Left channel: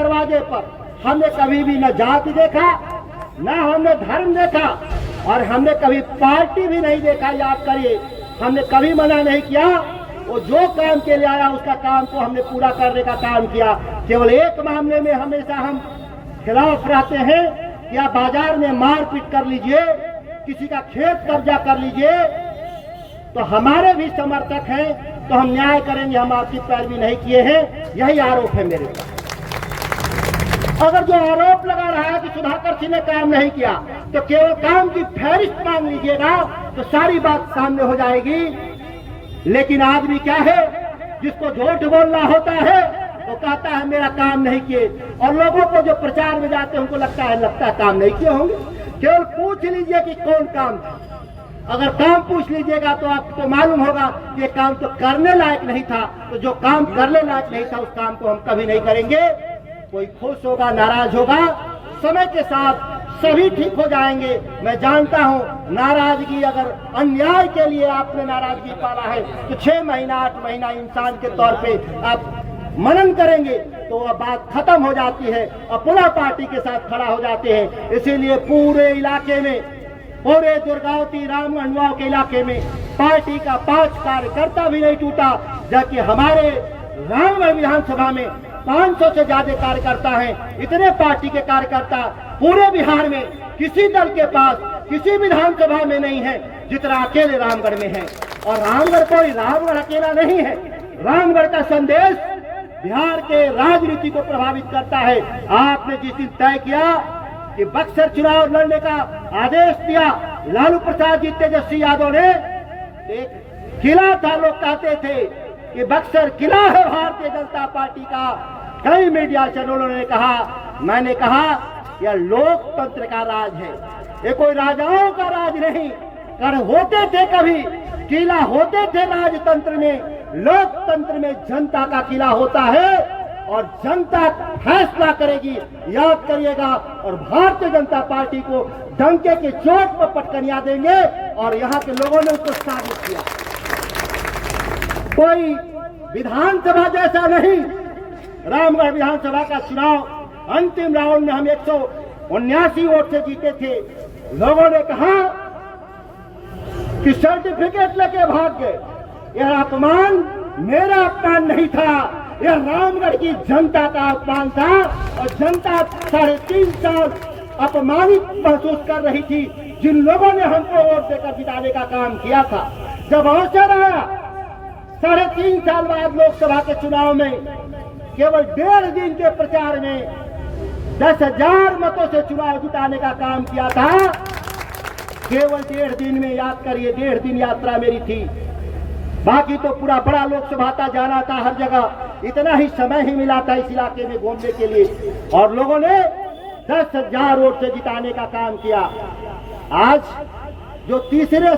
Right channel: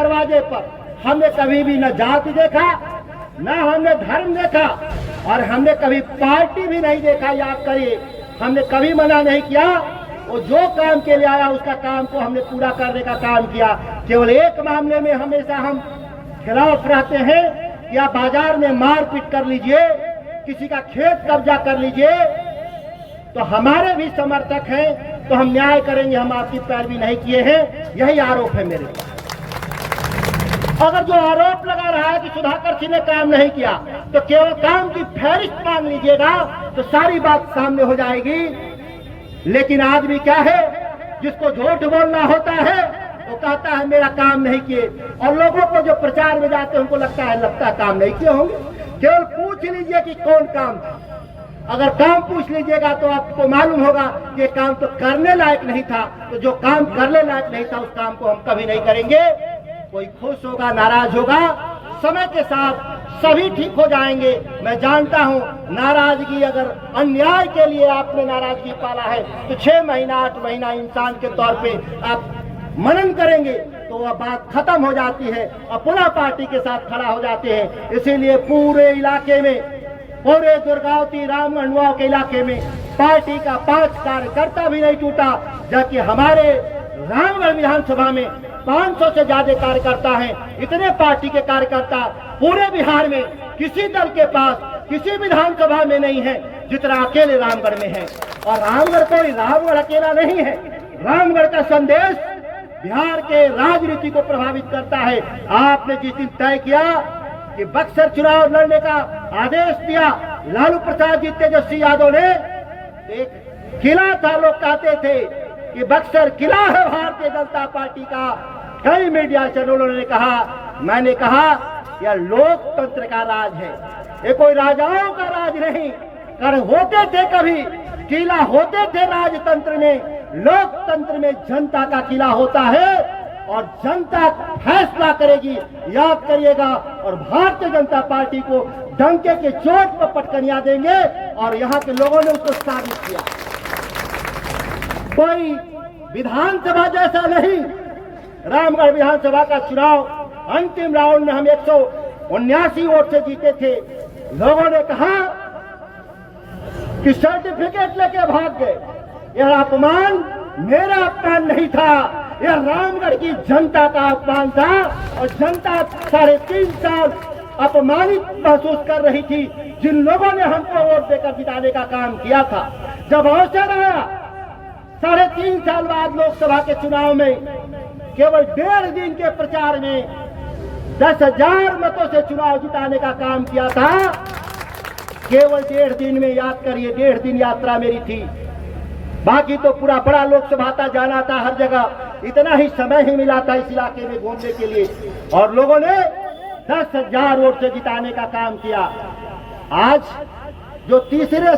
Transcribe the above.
दरवाजे पर हमने कभी भी न जाति देखा, न हमने धर्म देखा, और हमने कभी पार्टी भी नहीं देखा। याद करिए, हमने कभी मना नहीं किया। वो जो काम के लिए आया उसका काम को हमने पूरा करने का काम किया। केवल एक मामले में हमेशा हम खिलाफ रहते हैं, या बाजार में मारपीट कर लीजिए, किसी का खेत कब्जा कर लीजिए, तो हमारे भी समर्थक हैं, तो हम न्याय करेंगे, हम आपकी पैरवी नहीं किए हैं। यही आरोप है मेरे पास। अगर जो आरोप लगा रहा है कि सुधाकर सिंह ने काम नहीं किया, तो केवल काम की फहरिस्त मांग लीजिएगा तो सारी बात सामने हो जाएगी। लेकिन आदमी क्या है, जिसको झूठ बोलना होता है वो कहता है मेरा काम नहीं किए, और लोगों को जो प्रचार में जाते हैं उनको लगता है काम नहीं किए होंगे। केवल पूछ लीजिए कि कौन काम था। अगर काम पूछ लीजिएगा तो आपको मालूम होगा कि काम तो करने लायक नहीं था। तो जो काम करने लायक नहीं था उस काम को हम कभी नहीं करेंगे। कोई खुश होगा, नाराज होगा, समय के साथ सभी ठीक हो जाएंगे। मैं जानता हूं, नाराजगी अगर अन्याय के लिए आपने नाराजगी पाला है तो 6 महीना 8 महीना इंसान के तौर पे आप मनन करेंगे तो वह बात खत्म हो जाती है और पुनः पार्टी के साथ खड़ा हो जाते हैं। इसीलिए पूरे इलाके में, पूरे दुर्गावती रामगढ़ के इलाके में पार्टी का 5 कार्यकर्ता भी नहीं टूटा, जबकि हमारे रामगढ़ विधानसभा में 500 से ज्यादा कार्यकर्ता हैं। इतने पार्टी के कार्यकर्ता पूरे बिहार में किसी दल के पास किसी विधानसभा में नहीं है जितना अकेले रामगढ़ में है। और रामगढ़ कोई रामगढ़ अकेला नहीं है। रामगढ़ का संदेश बिहार के राजनीति को प्रभावित करता है। आपने जिस दिन तय किया कि बक्सर चुनाव लड़ने का आदेश दिया, लालू प्रसाद जी तेजस्वी यादव ने, एक किला था, लोग कहते थे कि बक्सर किला है भारतीय जनता पार्टी का। कई मीडिया चैनलों ने कहा, मैंने कहा यह लोकतंत्र का राज है, ये कोई राजाओं का राज नहीं। कर होते थे कभी किला होते थे राजतंत्र में, लोकतंत्र में जनता का किला होता है और जनता फैसला करेगी। याद करिएगा। और भारतीय जनता पार्टी को डंके के चोट पर पटकनियां देंगे और यहाँ के लोगों ने उसको साबित किया। कोई विधानसभा जैसा नहीं। रामगढ़ विधानसभा का चुनाव अंतिम राउंड में हम 179 वोट से जीते थे। लोगों ने कहा कि सर्टिफिकेट लेके भाग गए। यह अपमान मेरा अपमान नहीं था, यह रामगढ़ की जनता का अपमान था। और जनता 3.5 साल अपमानित महसूस कर रही थी, जिन लोगों ने हमको वोट देकर जिताने का काम किया था। जब अवसर आया 3.5 साल बाद लोकसभा के चुनाव में, केवल 1.5 दिन के प्रचार में 10,000 मतों से चुनाव जिताने का काम किया था। केवल 1.5 दिन में। याद करिए, 1.5 दिन यात्रा मेरी थी, बाकी तो पूरा बड़ा लोकसभा था, जाना था हर जगह। इतना ही समय ही मिला था इस इलाके में घूमने के लिए, और लोगों ने 10,000 वोट से जिताने का काम किया। आज जो तीसरे